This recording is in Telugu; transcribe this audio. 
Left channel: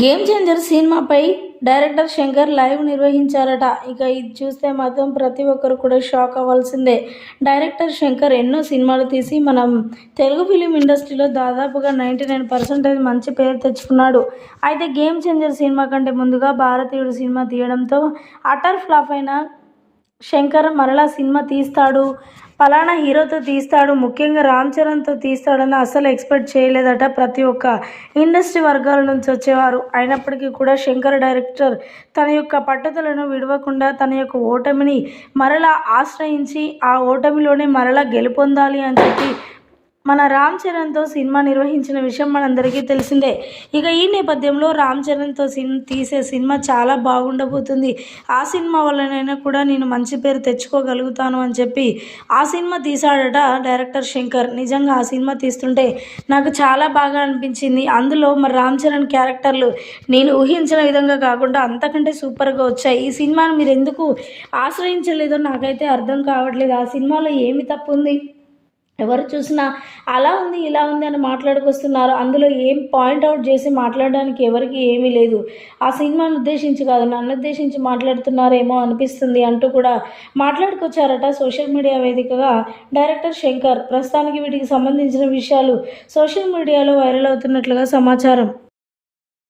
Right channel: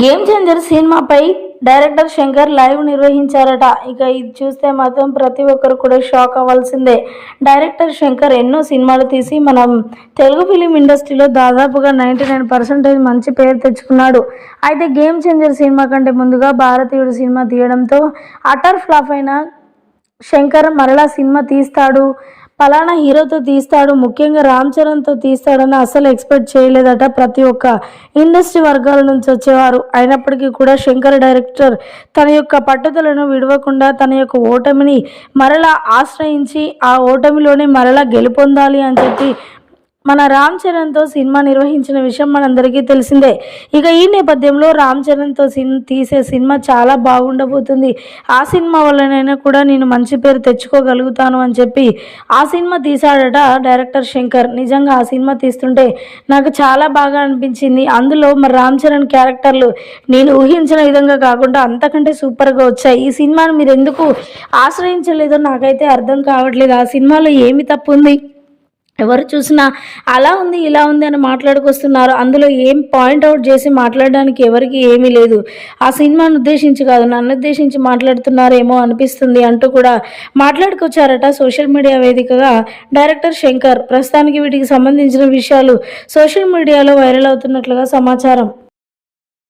గేమ్ చేంజర్ సినిమాపై డైరెక్టర్ శంకర్ లైవ్ నిర్వహించారట. ఇక ఇది చూస్తే మాత్రం ప్రతి ఒక్కరు కూడా షాక్ అవ్వాల్సిందే. డైరెక్టర్ శంకర్ ఎన్నో సినిమాలు తీసి మనం తెలుగు ఫిలిం ఇండస్ట్రీలో దాదాపుగా 99% మంచి పేరు తెచ్చుకున్నాడు. అయితే గేమ్ చేంజర్ సినిమా కంటే ముందుగా భారతీయుడు సినిమా తీయడంతో అటర్ ఫ్లాప్ అయిన శంకర్ మరలా సినిమా తీస్తాడు, పలానా హీరోతో తీస్తాడు, ముఖ్యంగా రామ్ చరణ్తో తీస్తాడని అస్సలు ఎక్స్పెక్ట్ చేయలేదట ప్రతి ఒక్క ఇండస్ట్రీ వర్గాల నుంచి వచ్చేవారు. అయినప్పటికీ కూడా శంకర్ డైరెక్టర్ తన యొక్క పట్టుదలను విడవకుండా తన యొక్క ఓటమిని మరలా ఆశ్రయించి ఆ ఓటమిలోనే మరలా గెలుపొందాలి అని చెప్పి మన రామ్ చరణ్తో సినిమా నిర్వహించిన విషయం మనందరికీ తెలిసిందే. ఇక ఈ నేపథ్యంలో రామ్ చరణ్తో తీసే సినిమా చాలా బాగుండబోతుంది. ఆ సినిమా వల్లనైనా కూడా నేను మంచి పేరు తెచ్చుకోగలుగుతాను అని చెప్పి ఆ సినిమా తీశాడట డైరెక్టర్ శంకర్. నిజంగా ఆ సినిమా తీస్తుంటే నాకు చాలా బాగా అనిపించింది. అందులో మరి రామ్ చరణ్ క్యారెక్టర్లు నేను ఊహించిన విధంగా కాకుండా అంతకంటే సూపర్గా వచ్చాయి. ఈ సినిమాని మీరు ఎందుకు ఆశ్రయించలేదో నాకైతే అర్థం కావట్లేదు. ఆ సినిమాలో ఏమి తప్పు ఉంది? ఎవరు చూసినా అలా ఉంది ఇలా ఉంది అని మాట్లాడుకొస్తున్నారు. అందులో ఏం పాయింట్అవుట్ చేసి మాట్లాడడానికి ఎవరికి ఏమీ లేదు. ఆ సినిమాను ఉద్దేశించి కాదు, నన్ను ఉద్దేశించి మాట్లాడుతున్నారేమో అనిపిస్తుంది అంటూ కూడా మాట్లాడుకొచ్చారట సోషల్ మీడియా వేదికగా డైరెక్టర్ శంకర్. ప్రస్తుతానికి వీటికి సంబంధించిన విషయాలు సోషల్ మీడియాలో వైరల్ అవుతున్నట్లుగా సమాచారం.